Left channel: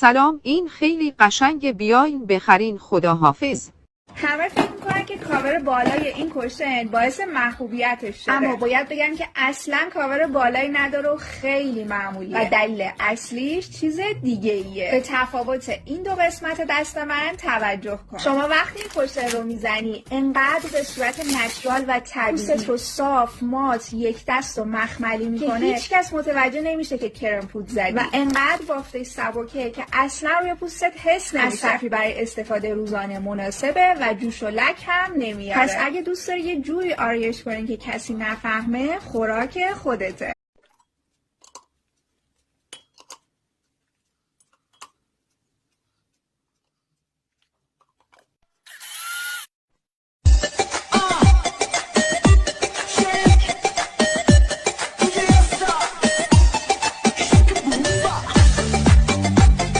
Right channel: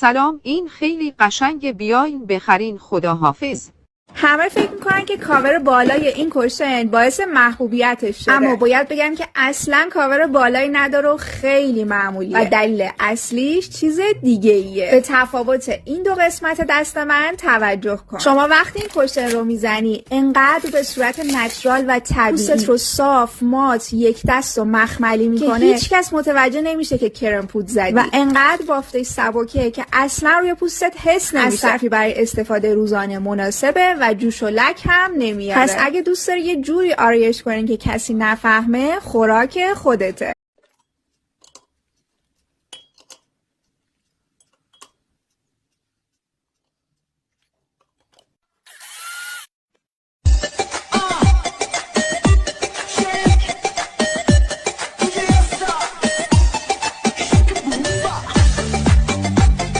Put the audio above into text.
سلام، این خیلی قشنگه، بیاین بخرین، خداحافظ. همه فکر میکنن که کاور بالای این کشتن باعث محبوبیتش شده، اما باید بگم که اصلا کاور بالایی نداره و خیلی معمولیه و دلیل اصلیش چیز دیگه ایه. به تفاوت این دو قسمت دست من توجه کن. شما وقتی این کشتن رو میزنی انقدر به صورت نچرال و طبیعی پوست رو صاف، مات، یک دست و مخملی میکنه که هیچ کس متوجه نمیشه که کرم پود زدی و انقدر بافته سبکه که اصلا روی پوستت حس نمیشه. صرفی برای استفاده روزانه مناسبه و جوش و لک هم نمیاره. پس اگه دوست داری یه جوری آرایش کنین که کسی نفهمه، خوراک خودته.